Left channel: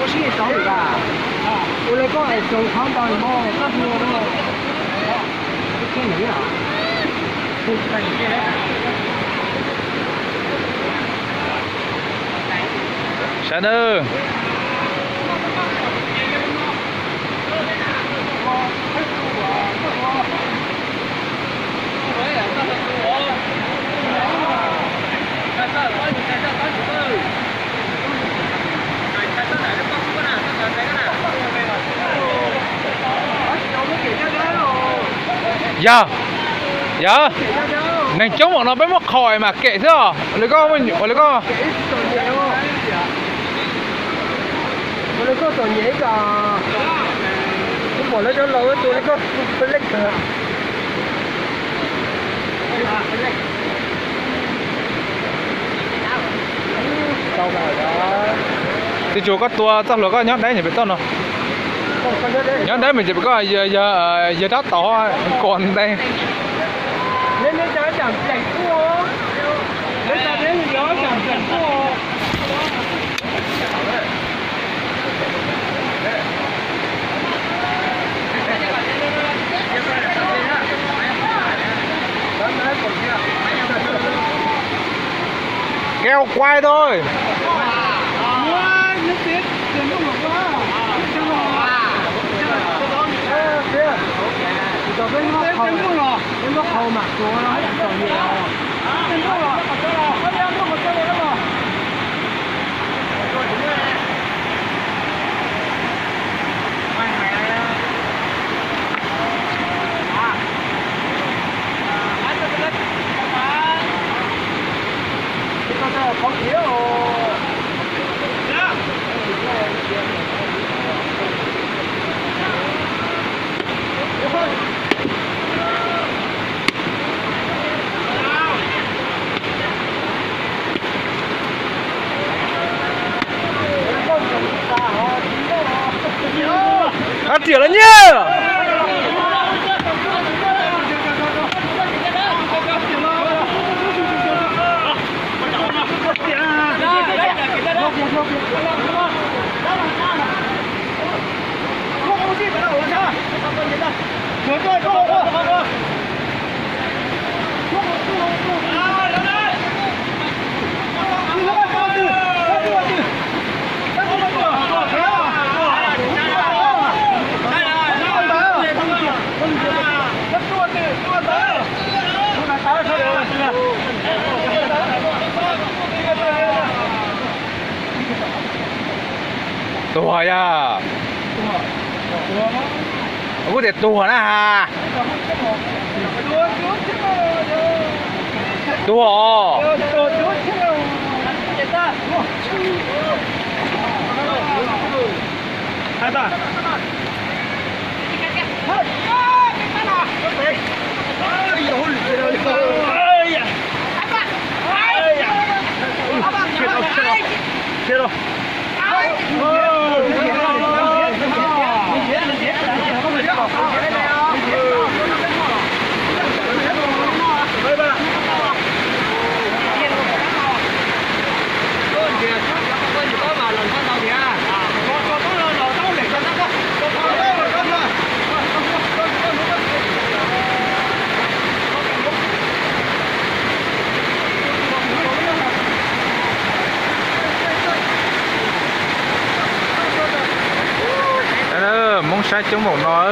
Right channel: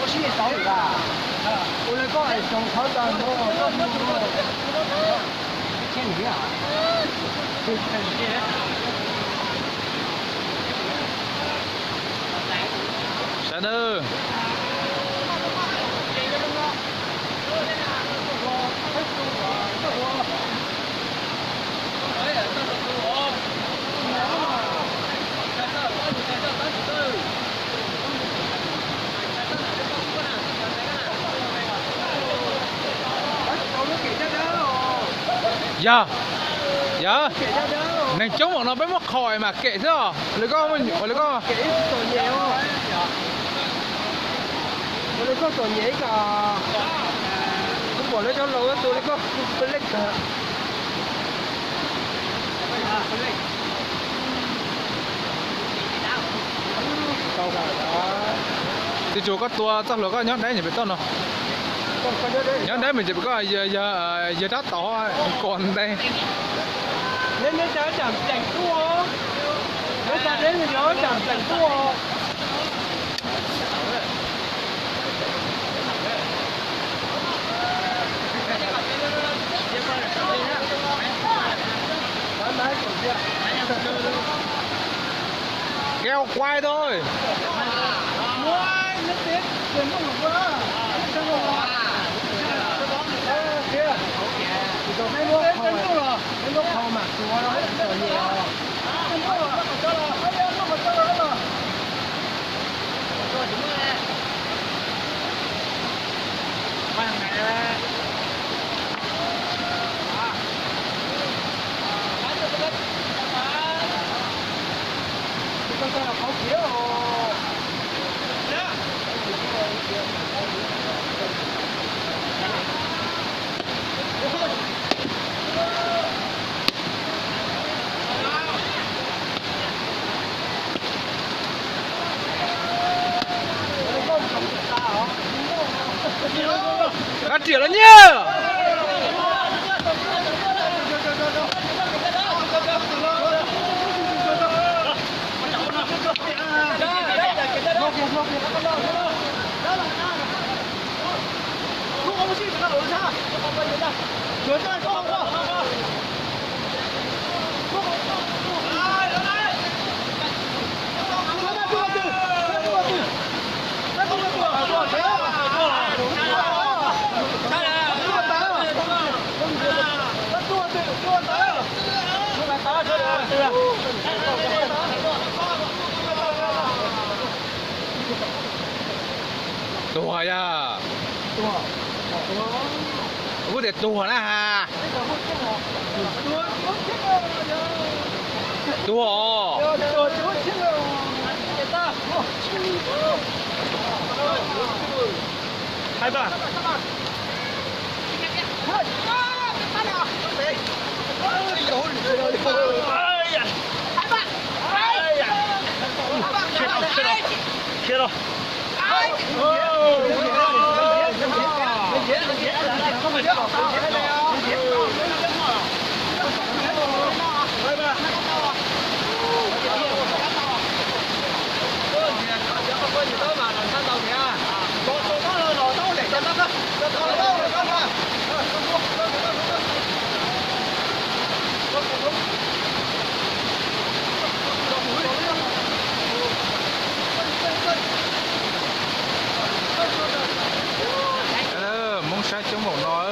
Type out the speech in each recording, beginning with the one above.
我先走嚟㗎。我哋講係做口罩喎，不過聽唔啊？聽唔見。Sáng ơi. Dạ. Dạ. Nàng chống bọn nó mới mắc khỏi mà kệ thế à? Lấy con mình, lấy con.我哋嗰度嘢㗎，咁我哋咗路一度，你個不拎㗎。夠㗎啦。Thì chỗ các tua chắc là có nhát đấy thì phải tốt nó. Nhát đấy mình chỉ có giờ đắt tỏ còn đây. Nên cho chẳng chảnh cua. Nên cho đến nó chẳng chảnh cua. Keo quay thôi. Phát triển lên nhá. Tua ya. Aku để tua na ha. Tua. Hai ba. Chết rồi. Mong sai chống một nó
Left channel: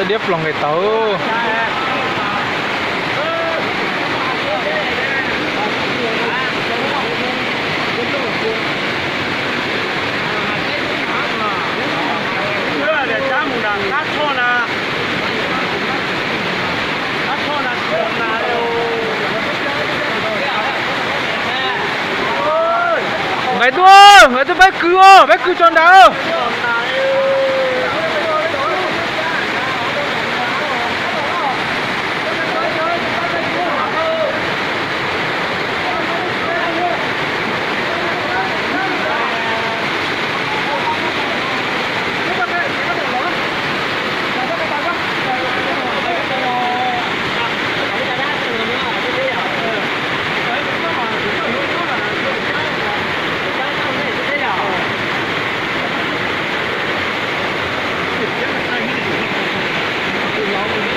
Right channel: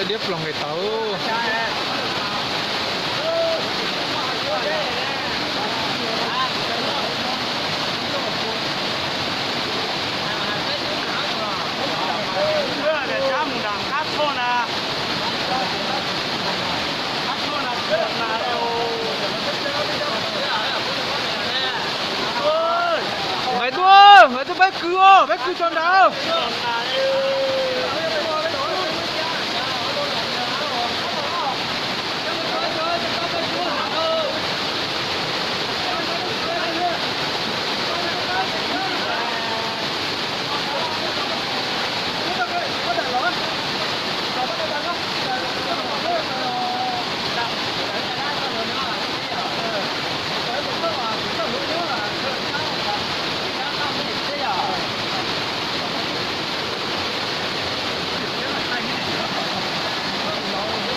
đã điệp lòng người tàu người tôi bé cứ tròn đào